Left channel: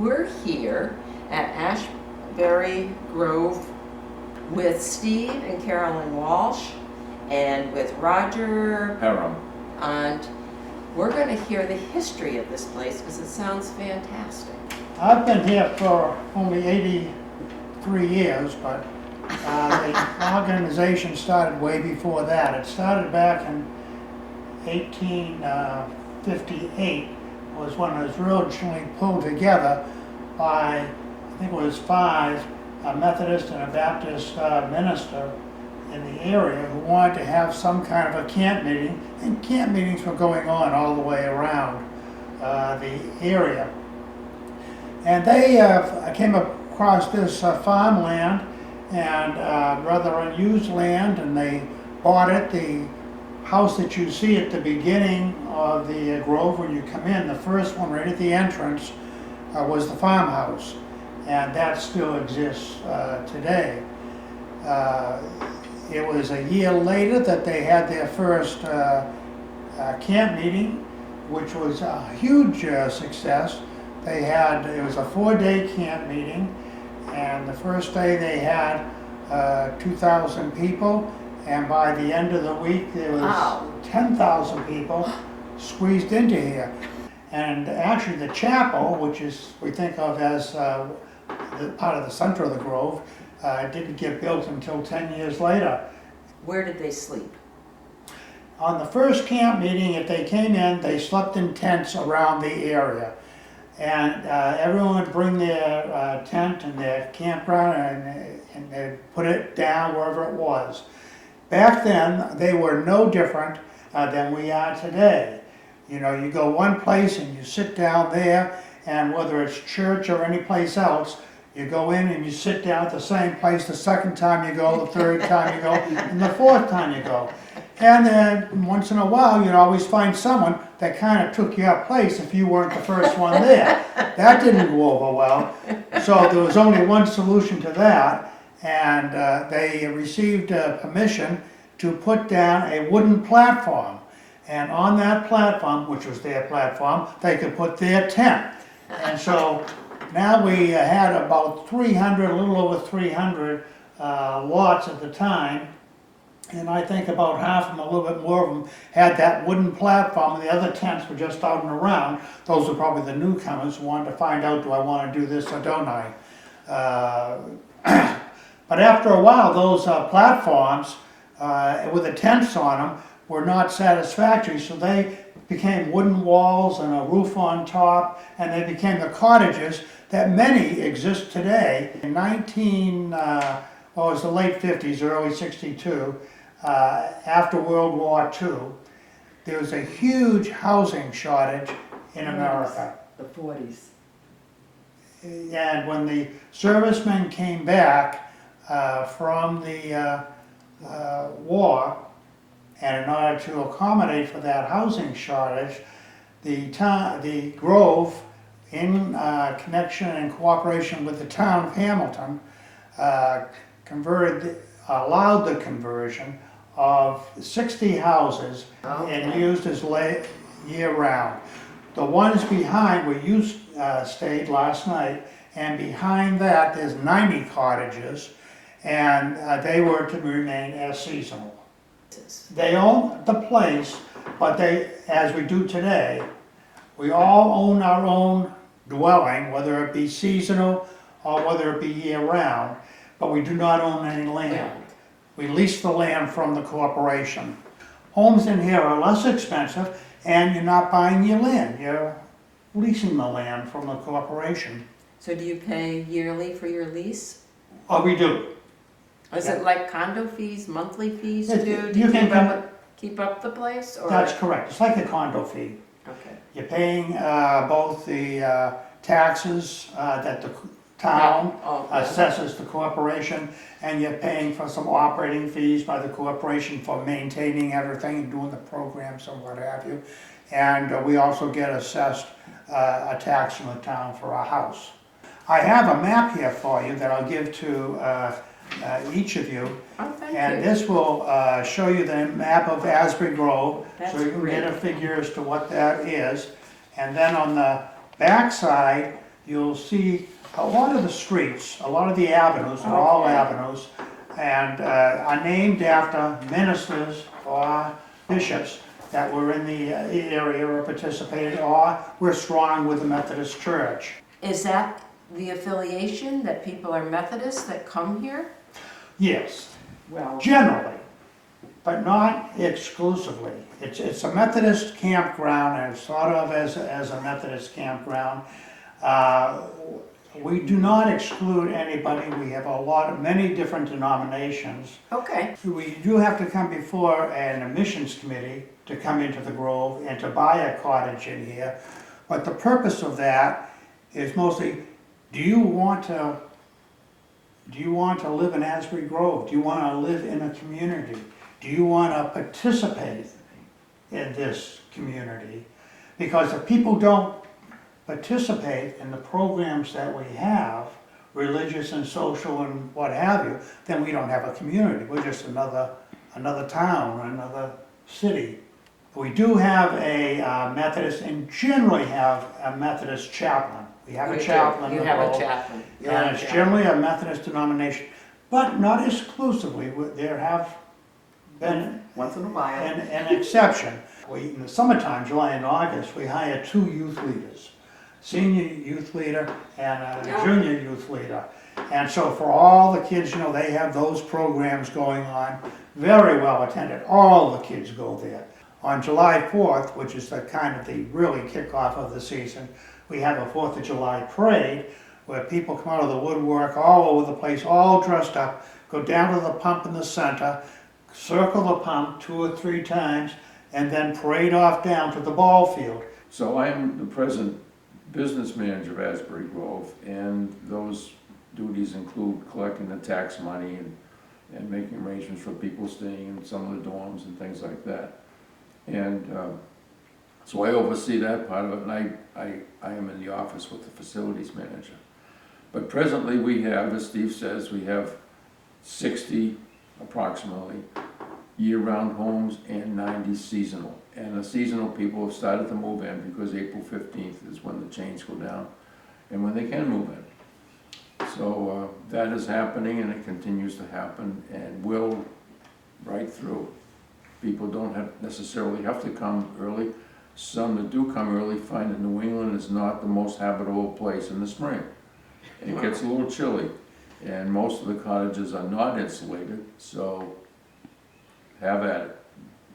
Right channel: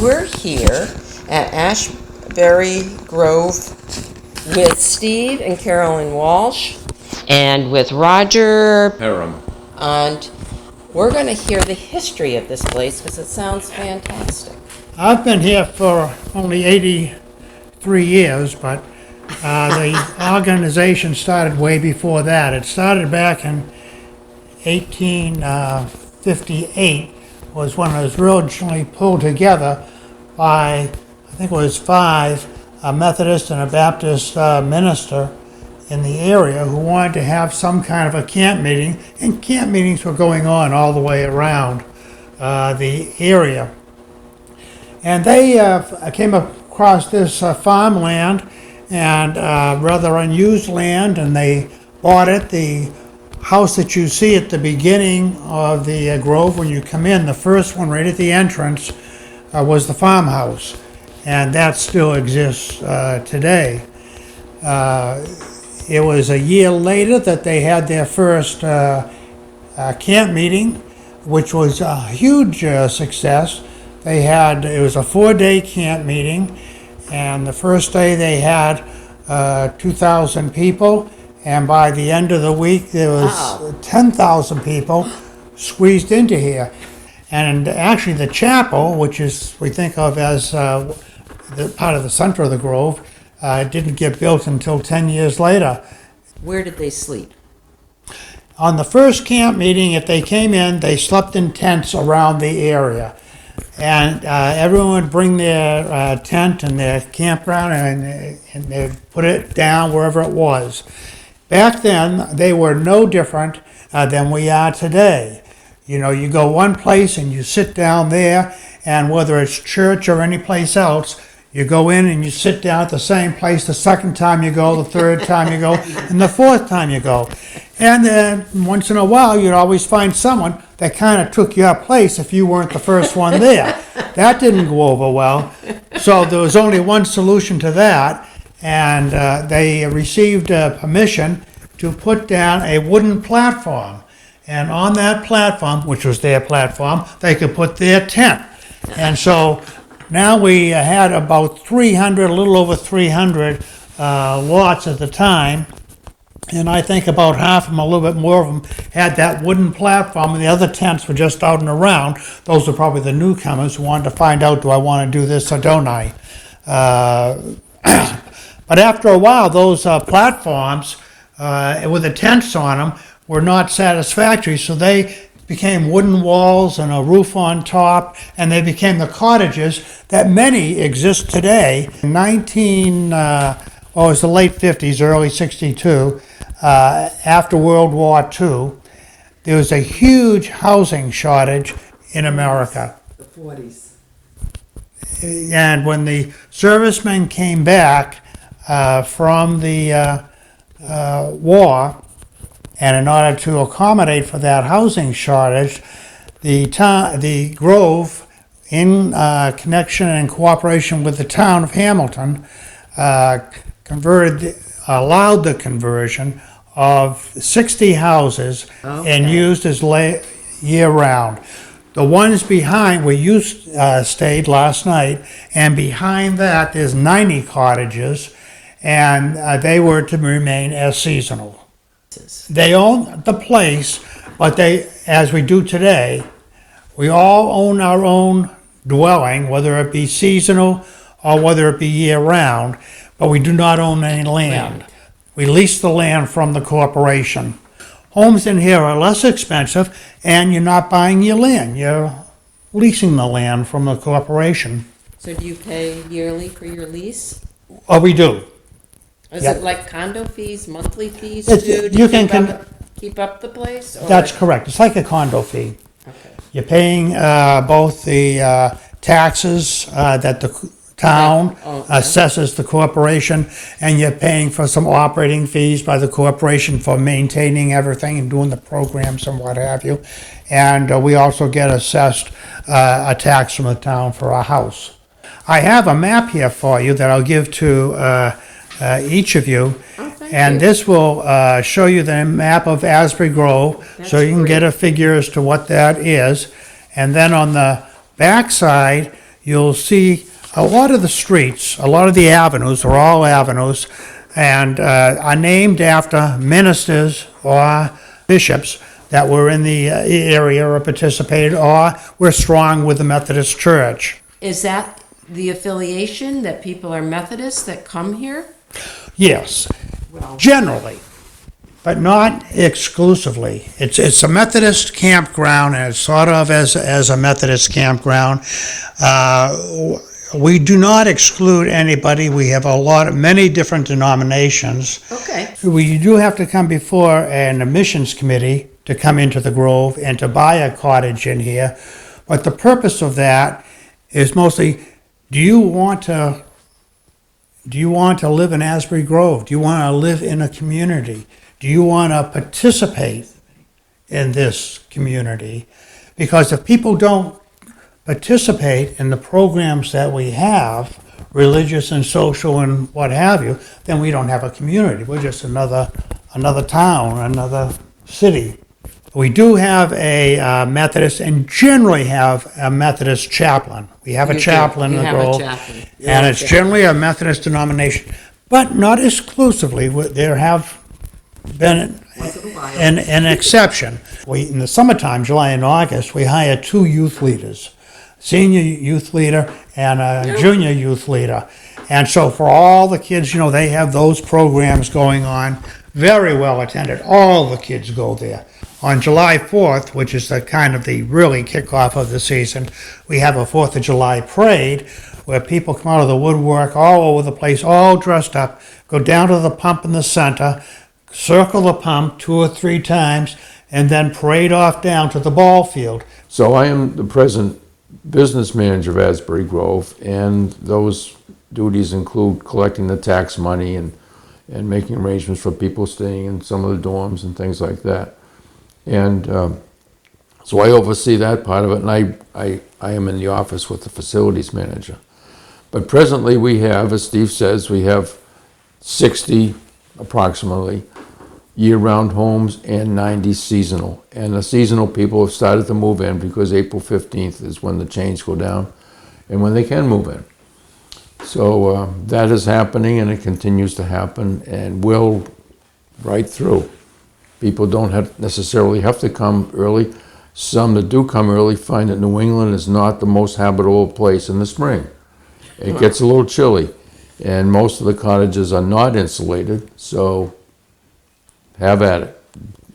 We're here at Asbury Grove with Steve and Carolyn Walsh and with Roger Perham. And we're going to hear the history of this place because it sounds fantastic. I've been here for only 83 years, but the organization started way before that. It started back in 1858, was when it was originally pulled together by, I think it was five, a Methodist and a Baptist minister in the area who wanted to have some kind of a camp meeting, and camp meetings were going on all the way around the area. And they came across this farmland and rather unused land, and they bought it. The house that you see at the beginning of the grove when you come in, the first one right at the entrance, was the farmhouse, and that still exists today. It was a year later that they had their first camp meeting, which was a huge success. It was a 4-day camp meeting, and the first day they had 2,000 people, and by the end of the week there was 10,000 people squeezed into here. And actually the chapel, which is we think of as the part of the center of the grove, didn't get built until 10 years later. Where did they sleep? On the first camp meeting, if they came in, they slept in tents around the area. And everyone would bring their tent and their campground, and they'd put it down wherever it was. Back then, they were no different than we are today. You know, you go one place and you sit down there, and whether it's church or any place else, you go in and you sit down at the same place the second time you go, the third time you go, and the fourth time you go. And once in a while, you'd always find someone that kind of took your place if you weren't the first one there. That didn't go over well. So there was only one solution to that, and they received permission to put down a wooden platform. And on that platform, which was their platform, they could put their tent. And so now we had about 300, a little over 300 lots at the time. And I think about half of them, a little bit more of them, had that wooden platform, and the other tents were just out and around. Those were probably the newcomers who wanted to find out, do I want to do this or don't I? But after a while, those platforms with the tents on them were not satisfactory, so they became wooden walls and a roof on top, and they became the cottages that many exist today. In it was the late 50s, early 62, after World War II, there was a huge housing shortage in America. The 40s. And when the servicemen came back from the war, and in order to accommodate for that housing shortage, the Grove, in connection and cooperation with the town of Hamilton, allowed the conversion of 60 houses and used as year-round. The ones behind where you stayed last night, and behind that there's 90 cottages, and they were to remain as seasonal. They own the place, but they, as we do today, we all own our own dwelling, whether it be seasonal or whether it be year-round, but we do not own any land. We lease the land from the corporation. Homes in here are less expensive, and you're not buying your land. You're leasing the land from the corporation. So do you pay yearly for your lease? Oh, we do. Is Yep. it like condo fees, monthly fees It's- too? Do you you can keep up the place? Or? That's correct. It's like a condo fee. Okay. You're paying both the taxes that the town assesses the corporation, and you're paying for some operating fees by the corporation for maintaining everything and doing the programs and what have you. And we also get assessed a tax from the town for our house. I have a map here for you that I'll give to each of you. And this will show you the map of Asbury Grove, so you can get a figure as to what that is. And then on the back side, you'll see a lot of the streets, a lot of the avenues are all avenues, and are named after ministers or bishops that were in the area or participated or were strong with the Methodist Church. Is that the affiliation, that people are Methodists that come here? Yes, Well, generally, but not exclusively. It's a Methodist campground, and it's thought of as a Methodist campground. We do not exclude anybody. We have many different denominations. okay. We do have to come before an admissions committee to come into the Grove and to buy a cottage in here. But the purpose of that is mostly, do you want to live in Asbury Grove? Do you want to live in a community? Do you want to participate in this community? Because if people don't participate in the programs that we have, religious and social and what have you, then we don't have a community. We're just another town, another city. We do have a Methodist, and generally have a Methodist chaplain. We have a chaplain in the Grove, and it's generally a Methodist denomination, but not exclusively. There have been an exception. In the summertime, July and August, we hire 2 youth leaders, senior youth leader and a junior youth leader. And so for all the kids, they have those programs going on, very well attended. All the kids go there. On July 4th, which is the really kickoff of the season, we have a 4th of July parade where people come out of the woodwork all over the place, all dressed up, go down to the pump in the center, circle the pump 2 or 3 times, and then parade off down to the ball field. So I am the present business manager of Asbury Grove, and those duties include collecting the tax money and making arrangements for people staying in some of the dorms and things like that. And so I oversee that part of it, and I am in the office with the facilities manager. But presently we have, as Steve says, we have 60 approximately year-round homes and 90 seasonal. And the seasonal people have started to move in because April 15th is when the chains go down and when they can move in. So that is happening, and it continues to happen and will right through. People don't necessarily have to come early. Some that do come early find that New England is not the most habitable place in the spring. It gets a little chilly, and most of the cottages are not insulated, so have at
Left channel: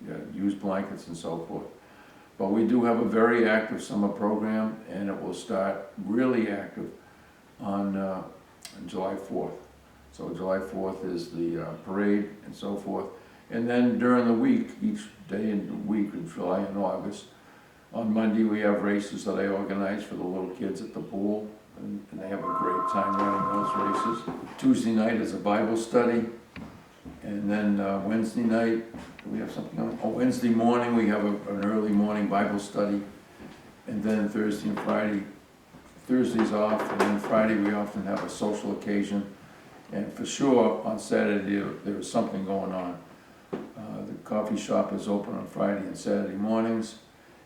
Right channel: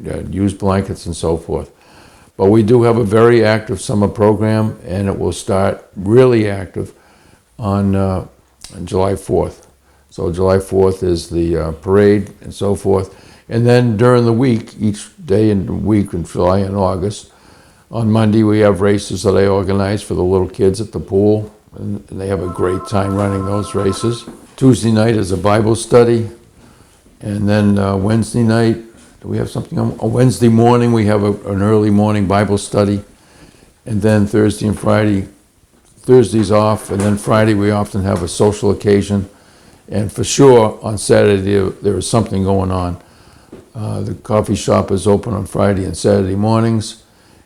it. Use blankets and so forth. But we do have a very active summer program, and it will start really active on July 4th. So July 4th is the parade and so forth. And then during the week, each day in the week in July and August, on Monday we have races that I organize for the little kids at the pool, and they have a great time running those races. Tuesday night is a Bible study, and then Wednesday night, do we have something on? Wednesday morning we have an early morning Bible study, and then Thursday and Friday, Thursday's off, and then Friday we often have a social occasion, and for sure on Saturday there is something going on. The coffee shop is open on Friday and Saturday mornings,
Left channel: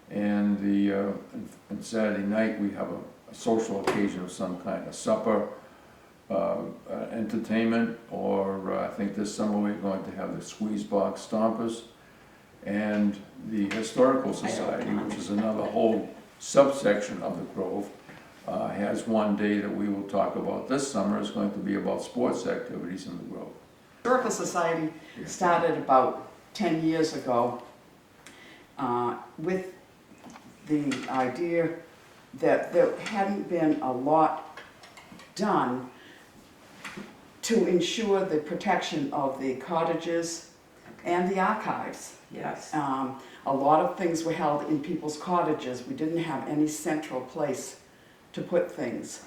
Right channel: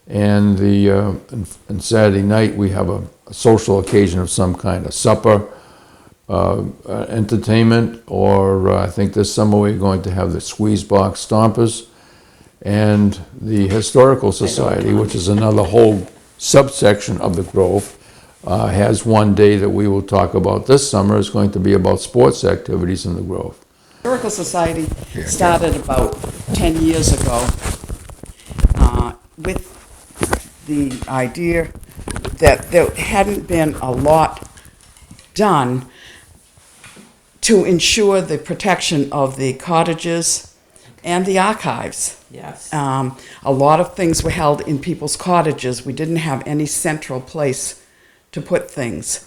and and Saturday night we have a social occasion of some kind, a supper, entertainment, or I think this summer we're going to have the Squeeze Box Stompers, and the Historical Society, which is another whole subsection of the Grove, has one day that we will talk about this summer. Is going to be about sports activities in the Grove. Historical Society started about 10 years ago with the idea that there hadn't been a lot done to ensure the protection of the cottages and the archives. Yes. A lot of things were held in people's cottages. We didn't have any central place to put things.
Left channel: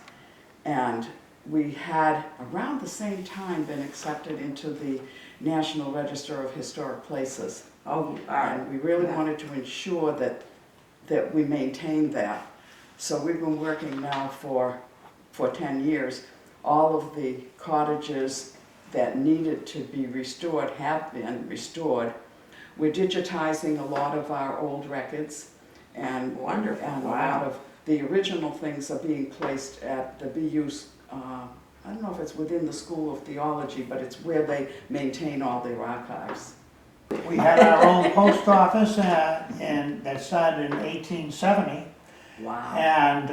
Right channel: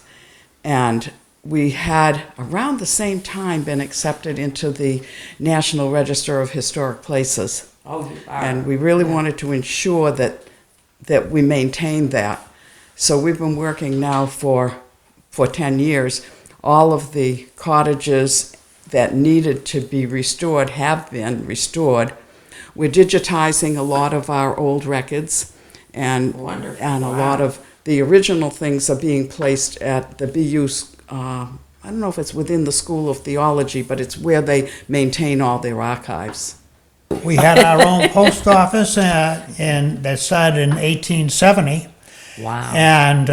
And we had, around the same time, been accepted into the National Register of Historic Places. Oh, And we really wanted to ensure that we maintained that. So we've been working now for 10 years. All of the cottages that needed to be restored have been restored. We're digitizing a lot of our old records and Wonderful. a Wow. lot of the original things are being placed at the BU's, I don't know if it's within the School of Theology, but it's where they maintain all their archives. We had our own post office that started in 1870. Wow. And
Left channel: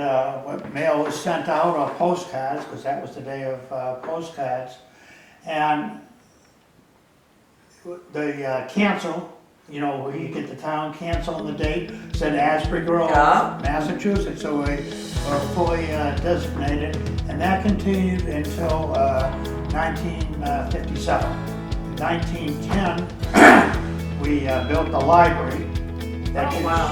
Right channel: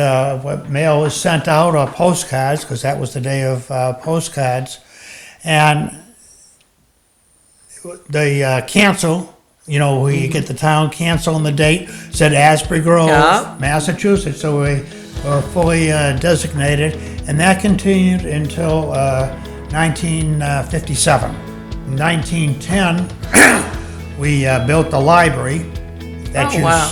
mail was sent out, or postcards, because that was the day of postcards. And the cancel, where you get the town cancel and the date, said Asbury Grove, Yeah. Massachusetts. So we were fully designated. And that continued until 1957. In 1910, we built the library that Oh, you wow.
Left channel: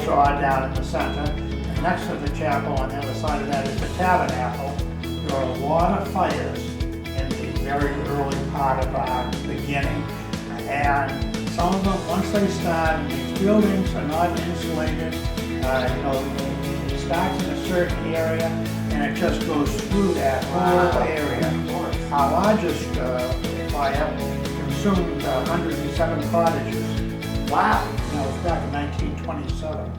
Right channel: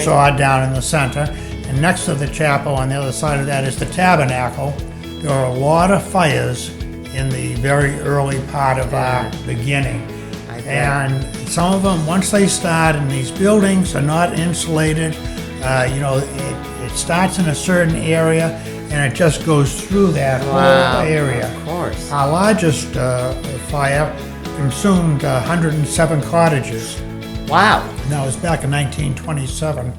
saw down in the center. And next to the chapel on the other side of that is the tabernacle. There were a lot of fires in the very early part of our beginning. And some of them, once they start, and these buildings are not insulated, it starts in a certain area and it just goes through that Wow. whole area. Of course. Our largest fire consumed 107 cottages. Wow. That was back in 1927.